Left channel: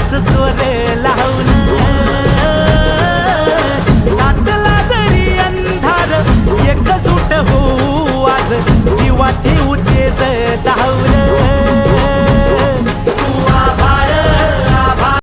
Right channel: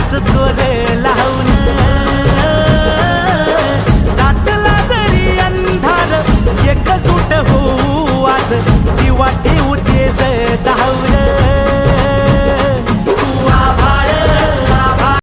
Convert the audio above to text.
हाच चोर लावून दाटला जरी अंधार एकजूट होऊ आज दिवा देऊ तेज धावलं